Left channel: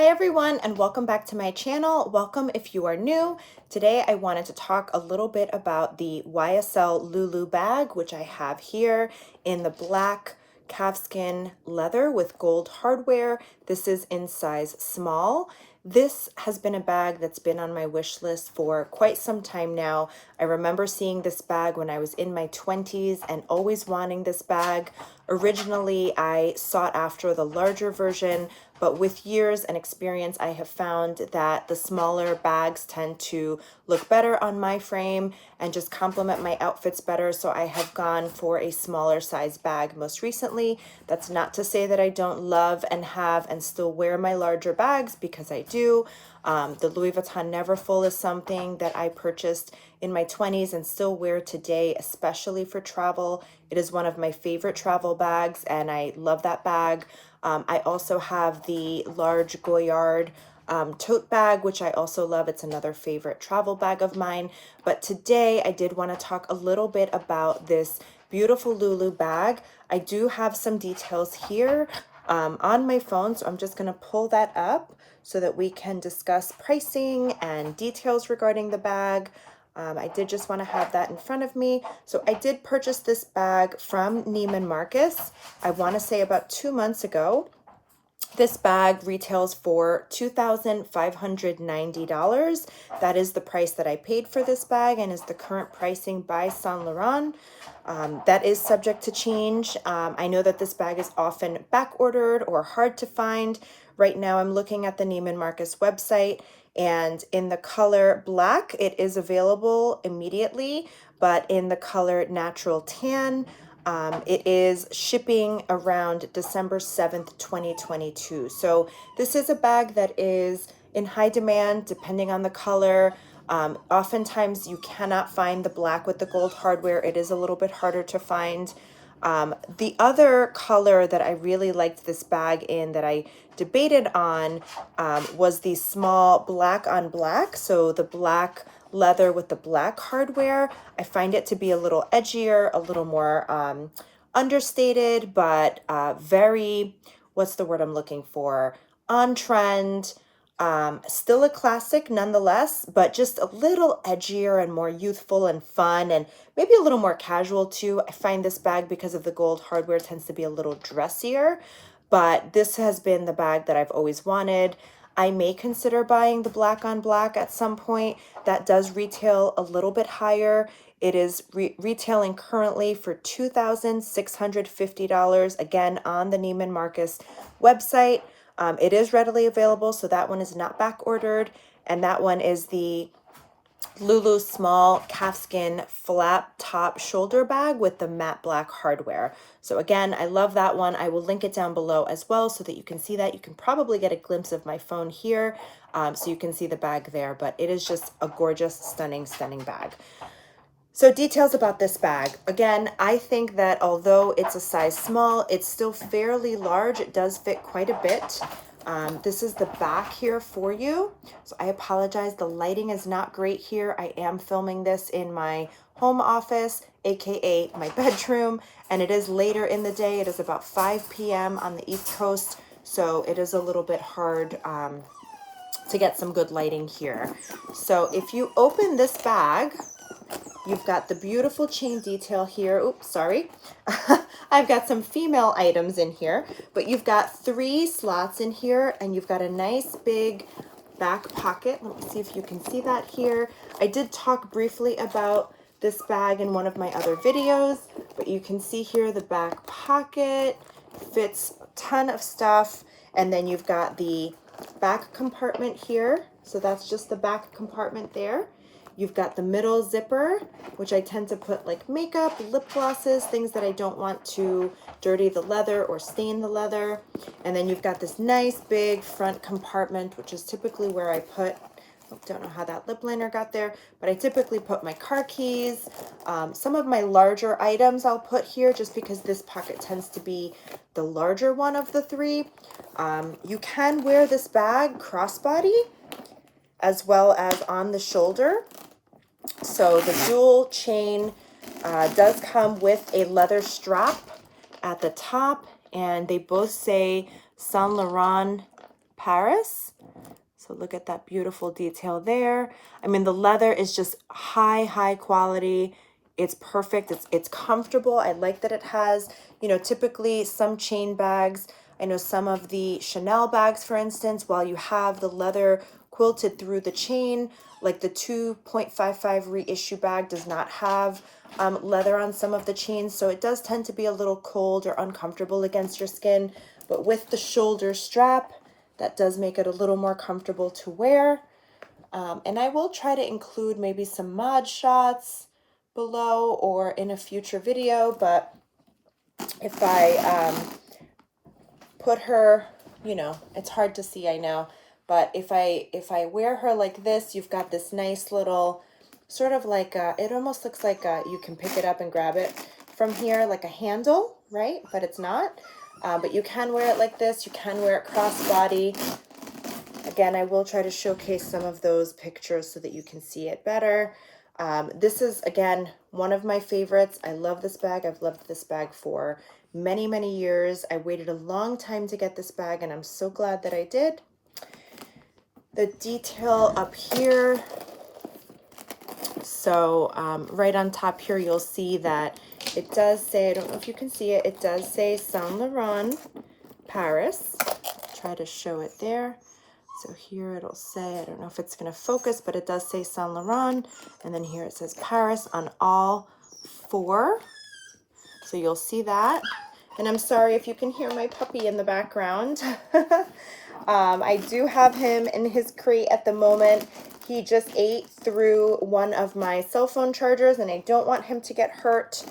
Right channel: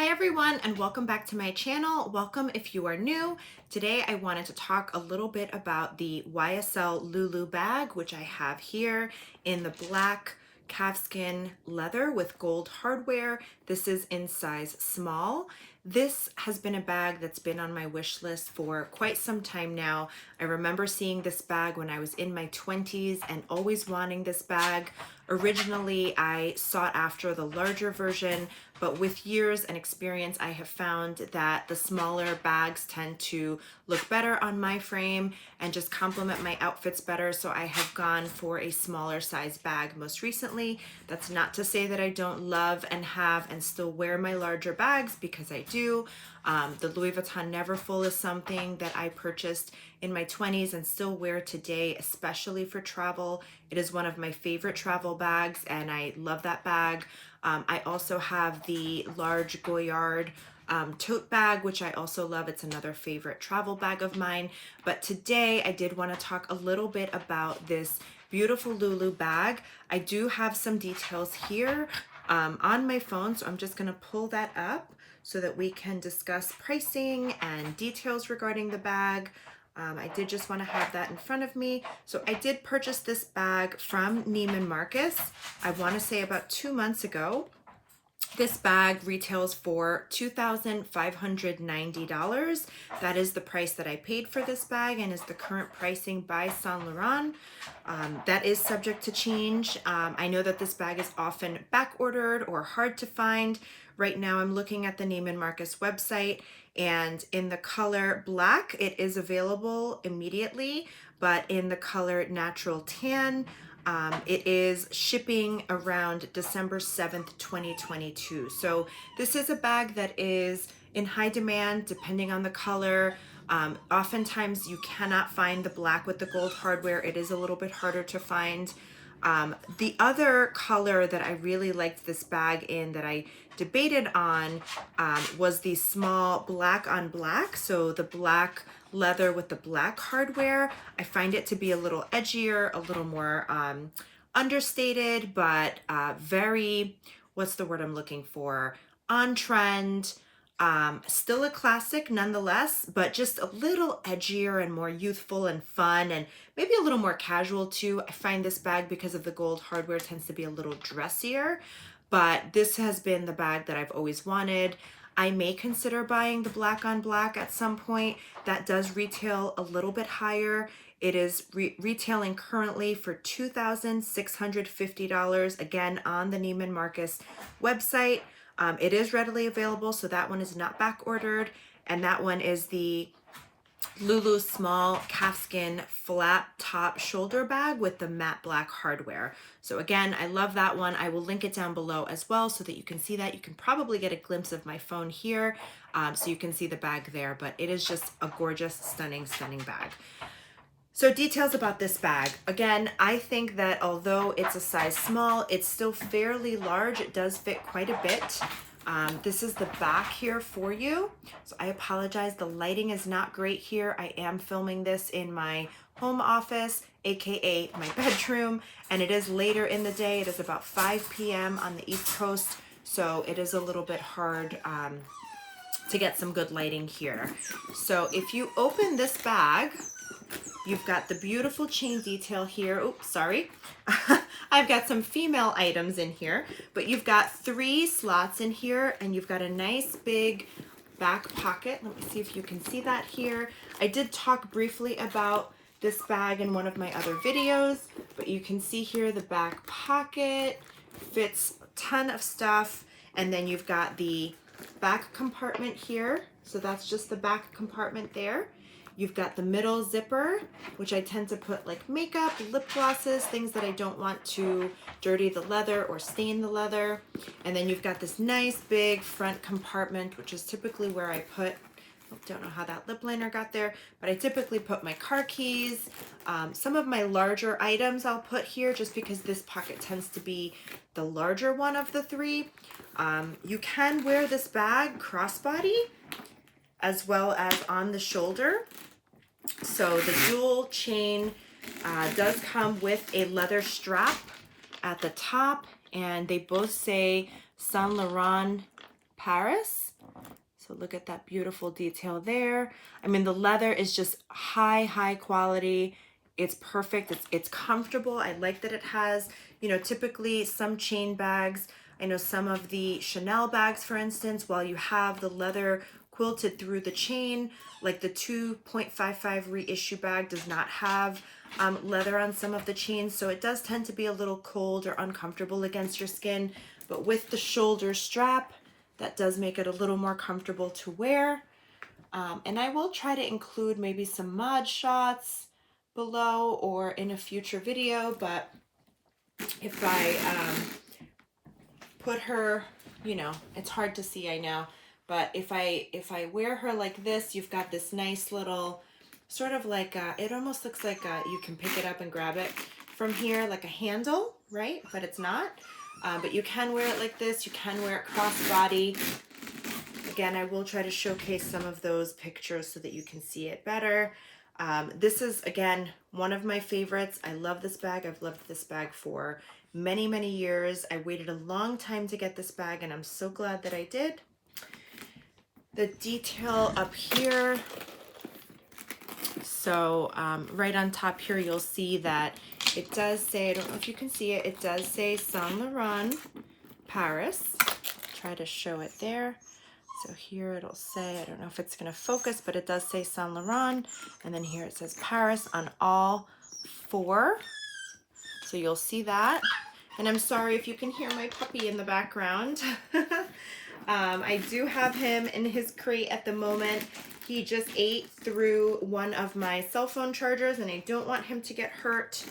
Hi everyone, and welcome back to my channel. Welcome if you are new. Today I wanted to talk a little bit about the YSL LouLou bag, which I have here in the black calfskin leather with gold hardware. This is in size small. This has been a bag that's been on my wish list for quite some time now. I remember seeing this bag when I was in my 20s and always wanting this bag. Originally, I sought after the larger version, but with years and experience, I have found that the smaller bags tend to look better on my frame and just complement my outfits better. So I have gone for a smaller size bag most recently. That's not to say that I don't love and have and still wear my larger bags, because I do. The Louis Vuitton Neverfull is something that I purchased in my 20s and still wear today, especially for travel. It is one of my favorite travel bags, and I love that bag. I also have the large Goyard tote bag, which I also love. It's another favorite travel bag of mine. But today I did want to talk a little bit about this beautiful LouLou bag. I do have some details here on my phone, so I'm just going to pull that up so that we can discuss pricing and details regarding the bag. I did just want to have that in front of me. So I did purchase this bag from Neiman Marcus, I want to say about 2 months ago. This bag retails for $2,590. That is the price that I paid for this bag and is the current pricing by Saint Laurent. That is subject to change. I know that this bag is often back ordered or hard to find. Right now I'm looking at the Neiman Marcus website, and in the color black, it is available immediately, but in the color natural tan, it is shipping around December 7th, 2022. So this is a bag that is in high demand depending on the color. Oftentimes you cannot find the black with the gold hardware. It is a little bit harder to find. The other color that I really liked this bag in, that I debated on, was the small black on black. So the black leather with the black hardware. I find it to be a little edgier, a little more understated, but very, what's the word I'm looking for? On trend. Still a classic nonetheless, but just a little edgier and more youthful and fun, and maybe a little more casual too. I find this bag, because of the gold hardware, tends to be a little dressier, but this has been the bag that I've always wanted. I may consider buying the black on black at some point. That does retail a little bit higher. It is retailing currently for $2,650, again, on the Neiman Marcus website. It is readily available, so that one is not back ordered. And that one is the LouLou small calfskin flat top shoulder bag with the matte black hardware. So again, I love that one. I will link it down below as well so that you can see that. You can probably get a glimpse of my phone here, so you can see the bag there, but it is just a gorgeous, stunning, stunning bag. So details about this bag. Again, I think that although it's a size small, it's still fairly large. It does fit quite a bit. This is the back here for you. So I apologize, the lighting is not great here. I am filming this in my home office, aka my bedroom, and it is later in the day. It is about 5 p.m. on the East Coast, so it is a little bit hard to get some good lighting here. So if you open this bag, you've got the beautiful chain detail here. Oops, sorry. I've got some female items in here, but you've got 3 slots in here, and you've got a nice big back pocket. Let me see if you can see that here. I did talk briefly about this bag in one of my other videos, but you can see here the back pocket fits a ton of stuff. And then you've got the back compartment here. So that's just the back compartment there. You've got the middle zipper, which I tend to put like makeup, lip glosses, things that I don't want to dirty the leather or stain the leather. And then you've got this nice big front compartment, which is typically where I put, I don't know how that lip liner got there, but I typically put my car keys. Some of my larger items I'll put here, just because this pocket tends to be the larger one of the 3. You can wear this bag crossbody as well as on the shoulder. So the dual chain does come with a leather strap at the top, and they both say Saint Laurent Paris. So look at that beautiful detail there. I mean, the leather is just high quality. It's perfect. It's comfortable. I like that it has, you know, typically some chain bags. I know some of the Chanel bags, for instance, while you have the leather quilted through the chain, like the 2.55 reissue bag does not have leather on some of the chains. So it does tend to be a little cold or uncomfortable against your skin. But with the shoulder strap, that does make it a little more comfortable to wear. And I will try to include maybe some mod shots below or in a future video, but if I put her, you know, it's hard to see, I know, but if I wear her like this, you've got this nice little sort of like it almost looks like you can pick it up and grab it from here, like a handle, right? But it's not. But you can wear it like this. You can wear it crossbody. Again, I will try to showcase some of those pictures so that you can see it better. This is, again, one of my favorites. I love this bag. I've loved this bag for many years. I waited a long time to get this bag, and I'm so glad that I did. The detail up here. So right on top here, you'll see that it does say, I don't know if you can see it, it does say Saint Laurent Paris. Try to show it there. So here it'll say, I don't know if it's going to focus, but it does say Saint Laurent. And then here it says Paris on all four. So you'll see that. And I'm sorry if you can hear my puppy in the background. I do have him in his crate at the moment. He just ate through one of my cell phone chargers, and I don't want him to get hurt.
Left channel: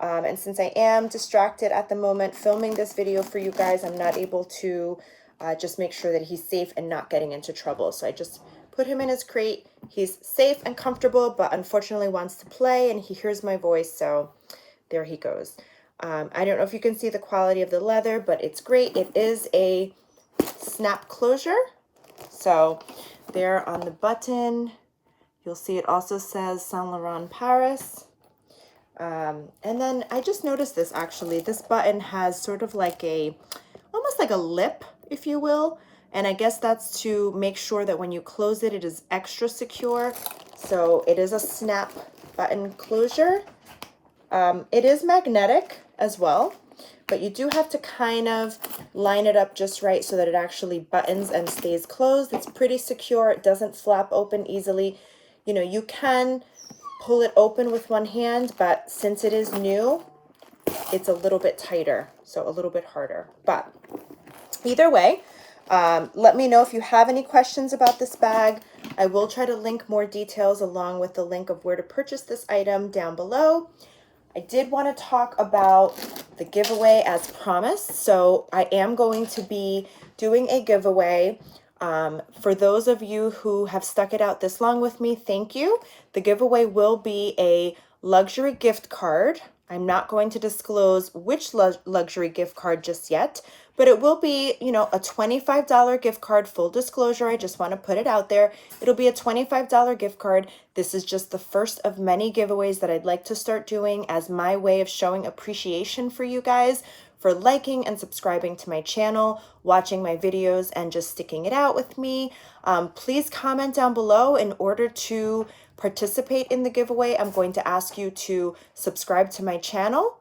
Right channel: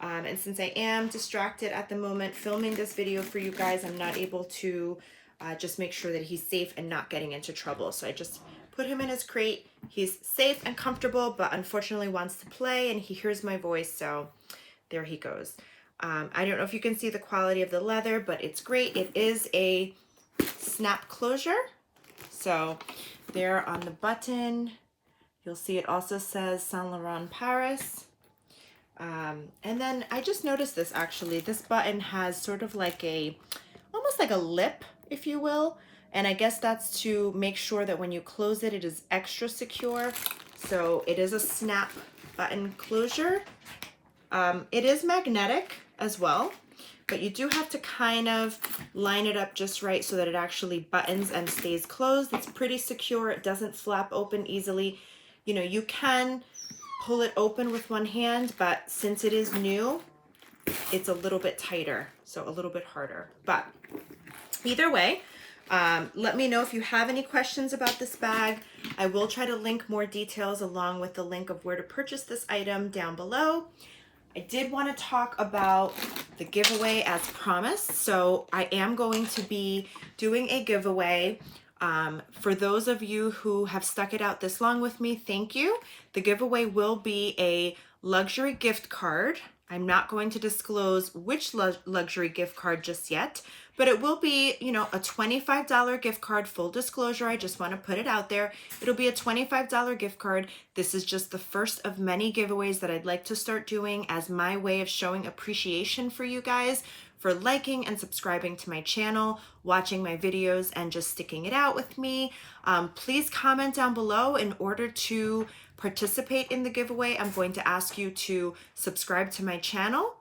And since I am distracted at the moment filming this video for you guys, I'm not able to just make sure that he's safe and not getting into trouble. So I just put him in his crate. He's safe and comfortable, but unfortunately wants to play, and he hears my voice, so there he goes. I don't know if you can see the quality of the leather, but it's great. It is a snap closure. So there on the button, you'll see it also says Saint Laurent Paris. And then I just noticed this actually. This button has sort of like almost like a lip, if you will. And I guess that's to make sure that when you close it, it is extra secure. So it is a snap button closure. It is magnetic as well, but you do have to kind of line it up just right so that it actually buttons and stays closed. It's pretty secure. It doesn't flap open easily. You know, you can pull it open with one hand, but since it is new, it's a little bit tighter, so a little bit harder. But either way, let me know if you have any questions about this bag. I will try to link more details along with the link of where to purchase this item down below. I did want to talk about the giveaway as promised. So I am going to be doing a giveaway. For those of you who have stuck it out this long with me, thank you. The giveaway will be a luxury gift card. I'm not going to disclose which luxury gift card just yet, but it will be, you know, a $25 gift card. Full disclosure, I just want to put it out there. It'll be a $25 gift card. This is just the first of many giveaways that I'd like to start doing as my way of showing appreciation for you guys for liking and subscribing to my channel, watching my videos, and just sticking it out with me. Please comment down below. In order to participate in the giveaway, I'm going to ask you to subscribe to my channel,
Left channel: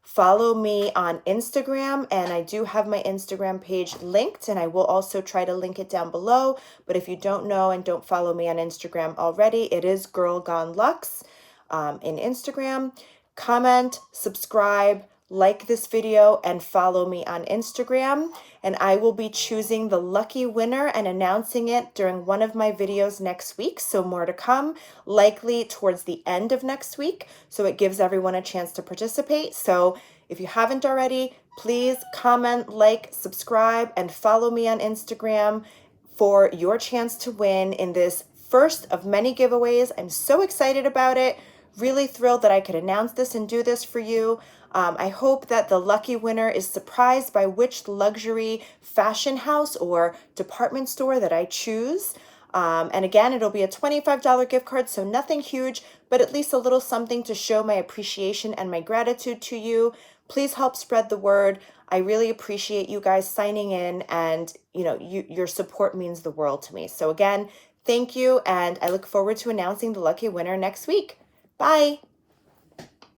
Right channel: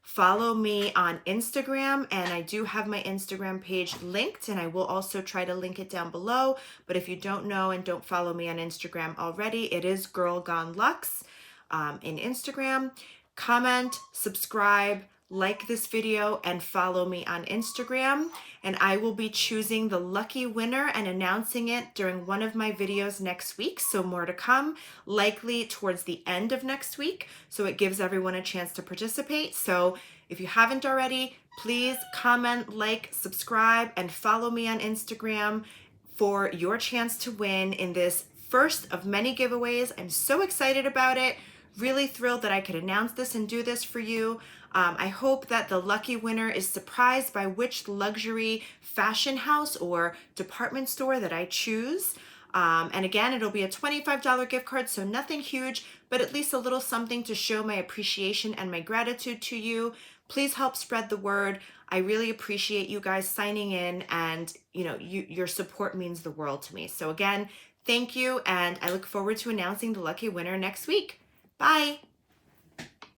follow me on Instagram, and I do have my Instagram page linked, and I will also try to link it down below. But if you don't know and don't follow me on Instagram already, it is Girl Gone Luxe in Instagram. Comment, subscribe, like this video, and follow me on Instagram, and I will be choosing the lucky winner and announcing it during one of my videos next week. So more to come, likely towards the end of next week, so it gives everyone a chance to participate. So if you haven't already, please comment, like, subscribe, and follow me on Instagram for your chance to win in this first of many giveaways. I'm so excited about it. Really thrilled that I could announce this and do this for you. I hope that the lucky winner is surprised by which luxury fashion house or department store that I choose. And again, it'll be a $25 gift card, so nothing huge, but at least a little something to show my appreciation and my gratitude to you. please help spread the word. I really appreciate you guys signing in, and your support means the world to me. So again, thank you, and I look forward to announcing the lucky winner next week. Bye.